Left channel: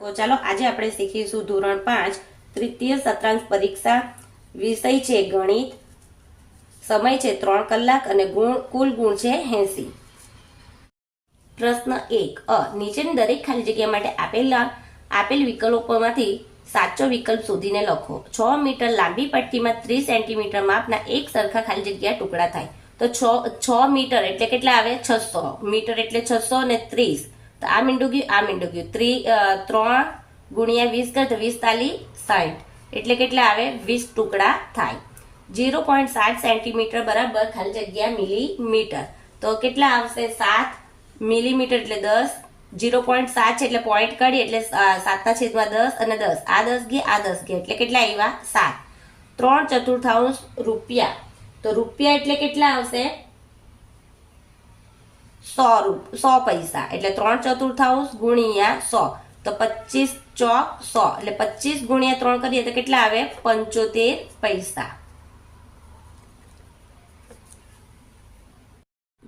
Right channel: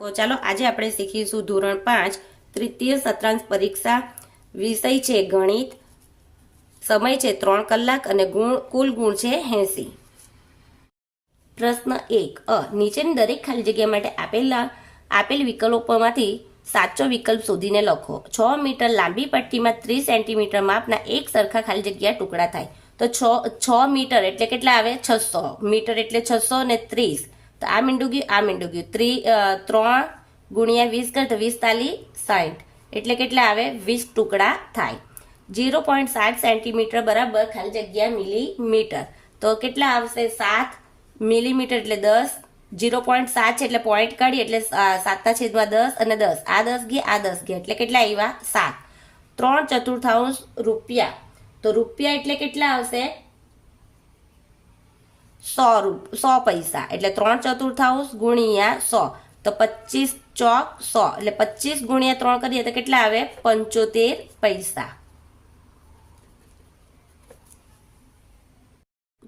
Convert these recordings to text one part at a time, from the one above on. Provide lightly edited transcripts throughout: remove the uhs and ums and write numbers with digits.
તો ચાલો આજે આપણે શીખીશું ધોરણ 5 તૃતીય સત્રાંશ પરીક્ષા. વિષય છે ગણિત, સમય છે 3 કલાક અને કુલ ગુણ છે 80. પ્રશ્ન 1. નીચેની દરેક ખાલી જગ્યા માટે આપેલ વિકલ્પોમાંથી સાચો વિકલ્પ શોધીને લખો. 6 મીટર લાંબી પટ્ટીમાં 30 સેન્ટીમીટર માપના એક સરખા ખાલી જગ્યા ટુકડા થાય. તો 6 મીટર એટલે કેટલા આવે? 600 મીટર એટલે 600 ને 30. તો આ મીંડું ગયું 3 ગુણ્યા 20 કરે તો 20 તાલી 60 એટલે કેટલા આવે? 20 ટુકડા થાય. 0.7 સેન્ટીમીટર બરાબર ખાલી જગ્યા મિલીમીટર. તો કેટલા આવશે? 7 મિલીમીટર એટલે 10. 0.7 છે એટલે પોઈન્ટ કાઢી એટલે 7/10 અને 10. આ 10 ગયા, આ 10 ગયા એટલે કેટલા આવ્યા? 7. 3/4 રૂપિયા. તો રૂપિયા એટલે કેટલા આવશે? 100 પૈસા એટલે 3/4 ગુણ્યા 100 તો 25 ચોક 100 એટલે 25 ગુણ્યા 3 કરીએ તો કેટલા આવે? 75 પૈસા.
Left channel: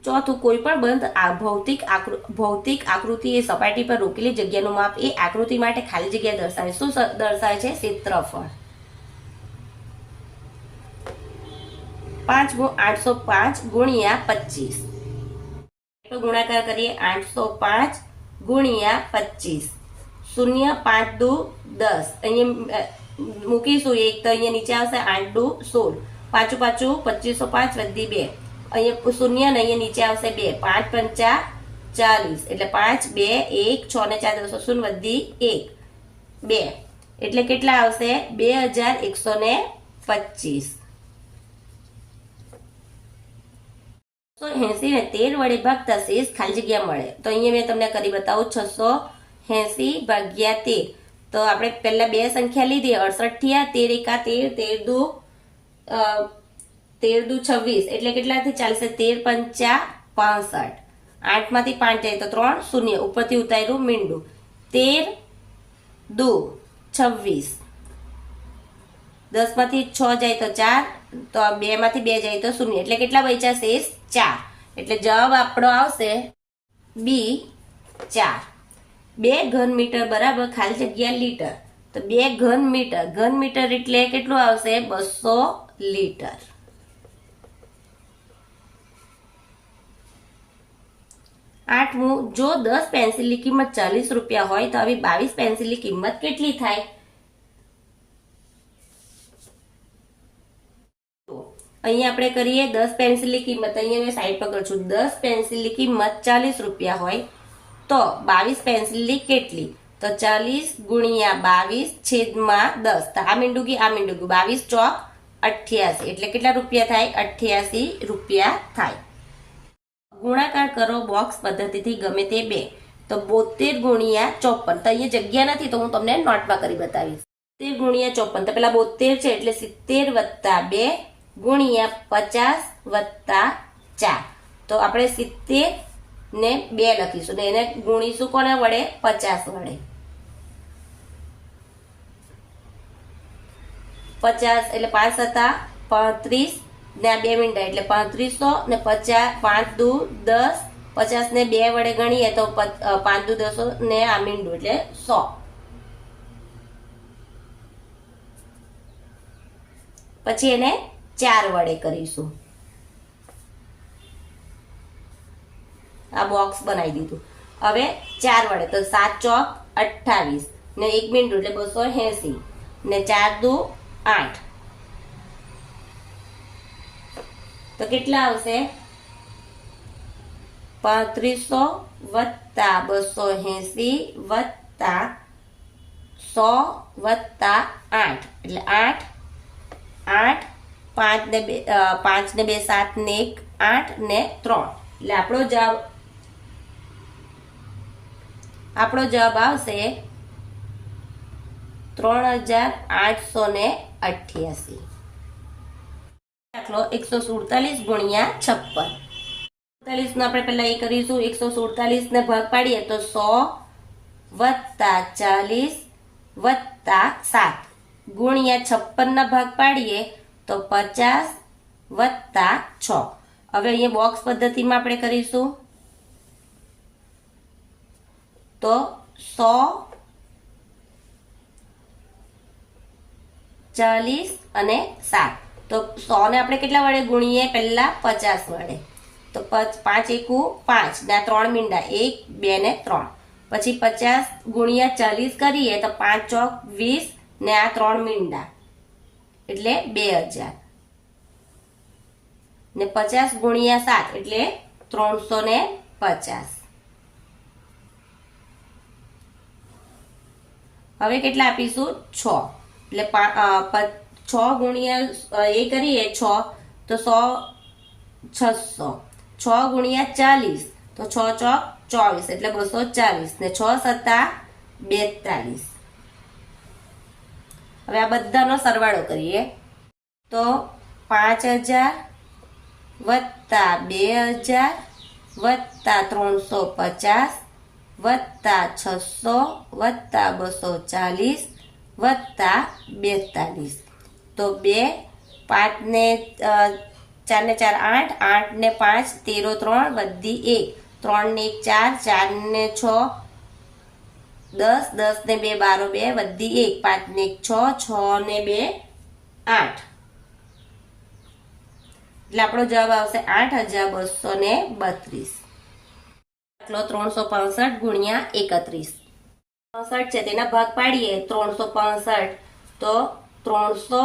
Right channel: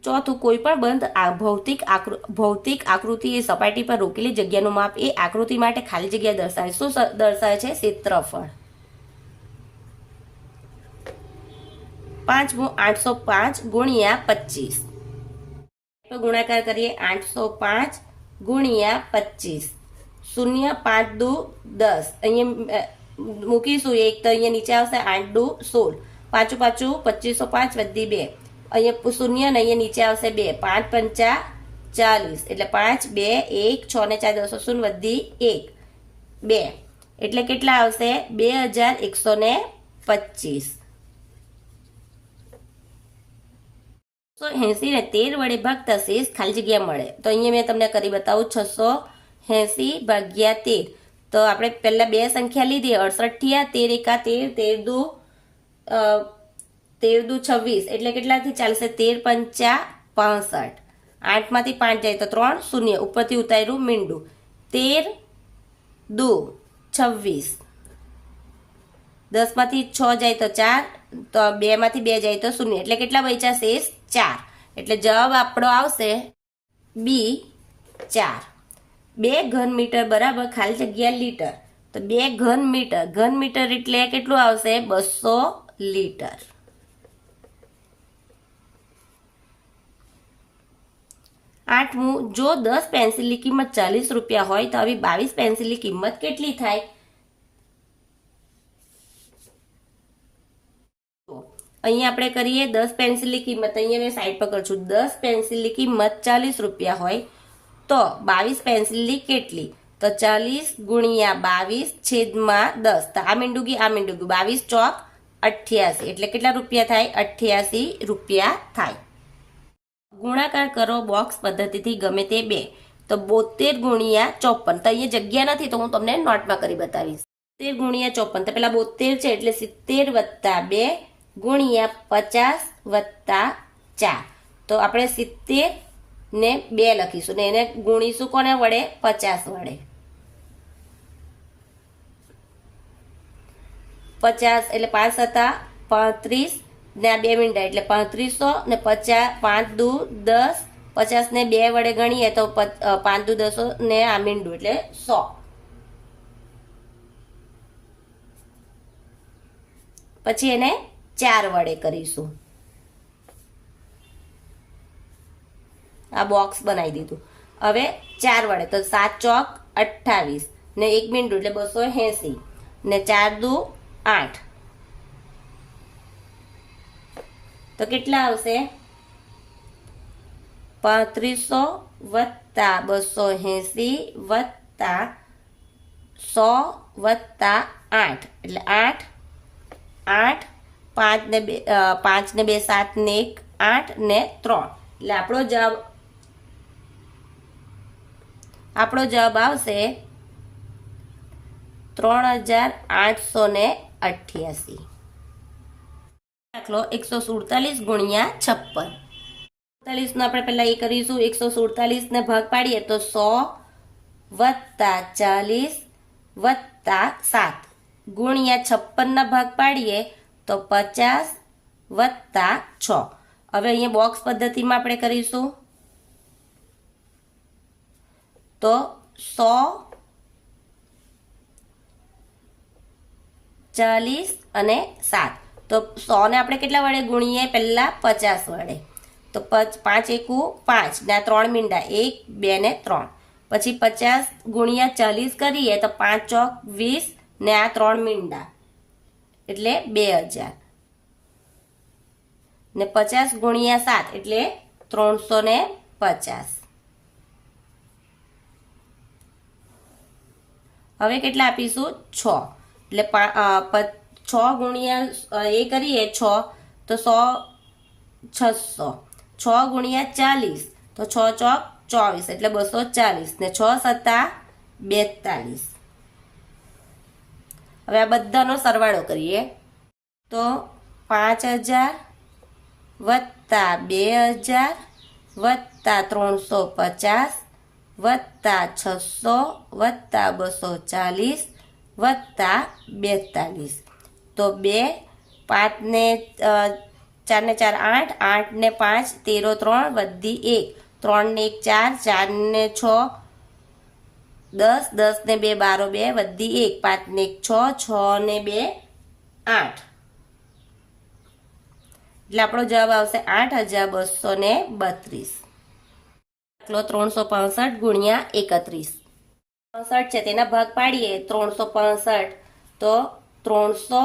ચોથું, કોઈ પણ બંધ ભૌતિક આકૃતિ એ સપાટી પર રોકેલી જગ્યાનું માપ એ આકૃતિ માટે ખાલી જગ્યા દર્શાવે. શું દર્શાવે છે? ક્ષેત્રફળ. 805 ગુણ્યા 25. ગુણાકાર કરીએ 805 ગુણ્યા 25. 0 5 દુ 10. અહીંયા મૂકીશું એક તો અહીંયા નીચે આવશે 8 દુ 16. પાછું 2505 વધી 2. અહીંયા 0 ને અહીંયા નીચે આવશે 2. 5 પંચા 40 એટલે 5 2 1 6 ને 4 10 0 વધી 1 2 એટલે કેટલા આવશે? 2125. 680 ને 13 વડે ભાગતા શેષ ખાલી જગ્યા મળે. તો અહીંયા મેં તમને કરી બતાવું. 680 ભાગ્યા 13. તો આપણે પહેલા બે સંખ્યા લીધી 68 થયા. 13 એકા 13 13 દુ 26 એટલે કેટલાથી ચાલશે? 13 પંચા 65. 8 માંથી 5 જાય તો 3 શૂન્ય ઉપરથી ઉતાર્યું મીંડું. 13 દુ 26. 10 માંથી 6 જાય તો 4 તો 2 માંથી 2 જાય તો 0 એટલે કેટલા બચ્યા? શેષ 4. એટલે જવાબ આપણો આવશે બી 4. 2 ઘન મીટર બરાબર ખાલી જગ્યા લીટર. તો 2 ઘન મીટર એટલે કેટલું આવશે? 200 લીટર. 8મું, જો 10 પેન્સિલની કિંમત 40 રૂપિયા હોય તો હવે 22 પેન્સિલની કિંમત કેટલી થાય? અહીંયા આપણે કરીએ 10 પેન્સિલની કિંમત. અહીંયા મેં સાઈડ પર કરું છું. 10 પેન્સિલની કિંમત 40 રૂપિયા હોય તો 22 પેન્સિલની કેટલી? તો 40 ગુણ્યા 22 છેદમાં 10. તો આ મીંડું ગયું, આ મીંડું ગયું. 22 ચોક 88 એટલે કેટલા રૂપિયા થાય? 88 રૂપિયા થાય. ગુણાકાર કરો બોક્સ પદ્ધતિથી ગમે તે બે. તો 72 ગુણ્યા 54. તો અહીંયા જગ્યા નથી તો હું તમને નોટમાં કરી બતાવીશ. 70 ગુણ્યા 54 તો પેલા 72 છે એટલે 70 વત્તા 2 ગુણ્યા 50 વત્તા 4. તો આપણે 70 ને 2 લખીશું ને એને ગુણીશું કોને વડે? 50 વડે. 50 એટલે 5 હતા 35 ને આ 2 મીંડા એટલે 3500 ને 50 5 દુ 10. 50 ને 2 વડે ગણીએ તો 5 દુ 10 ને આ મીંડું એટલે 100. પછી એને 4 વડે કરીશું. આ બોક્સ બનાવી દીધું. હવે 4 વડે તો 7 ચોક 28 ને 1 મીંડું એટલે 280 ને 4 દુ 8 તો કેટલા આવશે? 3500 વત્તા 280 વત્તા 100 વત્તા 8 એટલે 8 5 ને 2 7 ને 1 8 ને 3 એટલે આપણો જવાબ આવશે 3888. દાખલો 147 ગુણ્યા 56. 47 નો આપણે પહેલા એ કરીશું. 147 ને ભાગ પાડીએ તો 100 વત્તા 40 વત્તા 7 ગુણ્યા 56 ના ભાગ પાડીએ તો 50 વત્તા 6. હવે અહીંયા બોક્સ પદ્ધતિમાં આપણે કરીશું. તો 100 40 અને 7. તો 100 ને આપણે કેટલા વડે ગુણીએ? પહેલા 50 વડે. તો 5 એકુ 5 ને 3 મીંડા 1 2 ને 3. પછી 50 ગુણ્યા 40 કરીએ તો 5 ચોક 20 ને 3 મીંડા એટલે 2000 ને 50 ગુણ્યા 7 એટલે 350. હવે કેટલા આપીશું? 6. એટલે 6 ગુણ્યા એ કરીએ 6 તો 600. 6 ગુણ્યા 40 તો 6 ચોક 24 એટલે 240 ને 6 સત્તા 42. હવે આ બધાનો સરવાળો કરીએ તો 5000 વત્તા 2000 વત્તા 350 વત્તા 600 વત્તા 240 વત્તા 42. તો 2 5 ને 4 ને 4 8 8 ને 5 13 3 વધી 1 3 ને 1 4 4 ને 6 10 10 ને 2 12 2 વધી 1 5 ને 1 6 6 ને 2 8 એટલે આપણો જવાબ આવશે 8232. દાખલો 365 ગુણ્યા 31. 65 છે તેના ભાગ પાડીએ 365 તો 300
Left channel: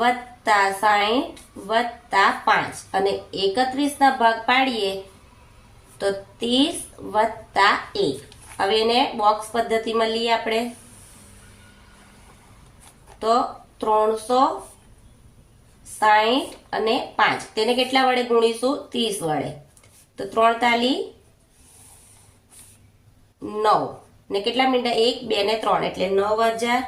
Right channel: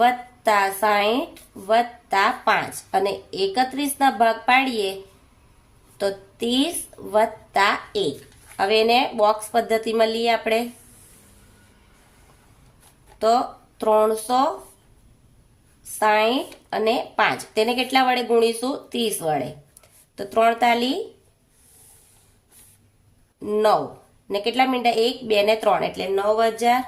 વત્તા 60 વત્તા 5 અને 31 ના ભાગ પાડીએ તો 30 વત્તા 1. હવે એને બોક્સ પદ્ધતિમાં લઈએ આપણે તો 360 અને 5 તેને કેટલા વડે ગુણીશું? 30 વડે. તો 3 તાલી 9 ને કેટલા મીંડા? 1 2 ને 3 એટલે 9000.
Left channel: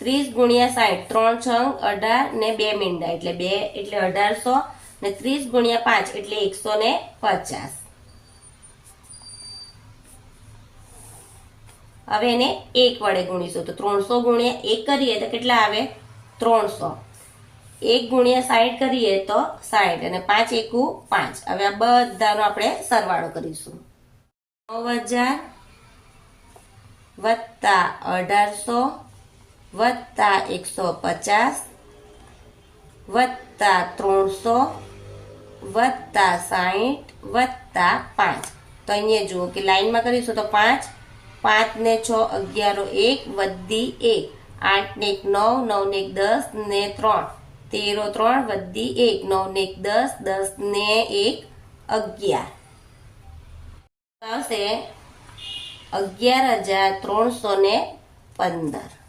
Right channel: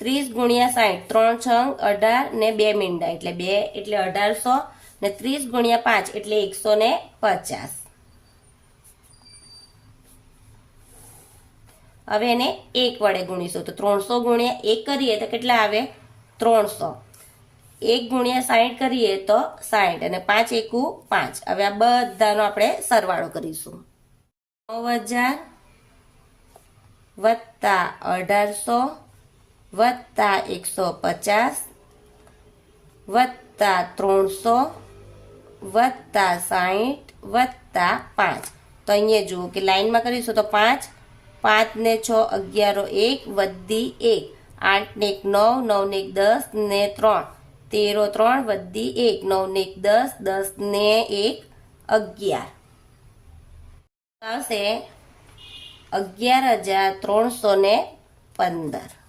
30 ગુણ્યા 60 3 છંગ 18 ને 2 મીંડા એટલે 2 એટલે 1800 ને 30 ગુણ્યા 5 એટલે 150. હવે એને 1 વડે ગુણીશું તો 300 ગુણ્યા 1 કરીએ તો કેટલા આવે? 300. 1 ગુણ્યા 60 કરીએ તો 60 અને 5 એકુ 5. હવે આ બધાનો આપણે સરવાળો કરીશું. 9000 વત્તા 1800 વત્તા 150 વત્તા 300 વત્તા 60 વત્તા 5. તો અહીંયા જુઓ કે લાઈનમાં કરીશું તો 5 5 ને 6 11 1 વધી 1 8 ને 1 9 9 ને 1 10 ને 3 13 3 વધી 1 9 ને 1 10 10 ને 1 11 આવશે 11315.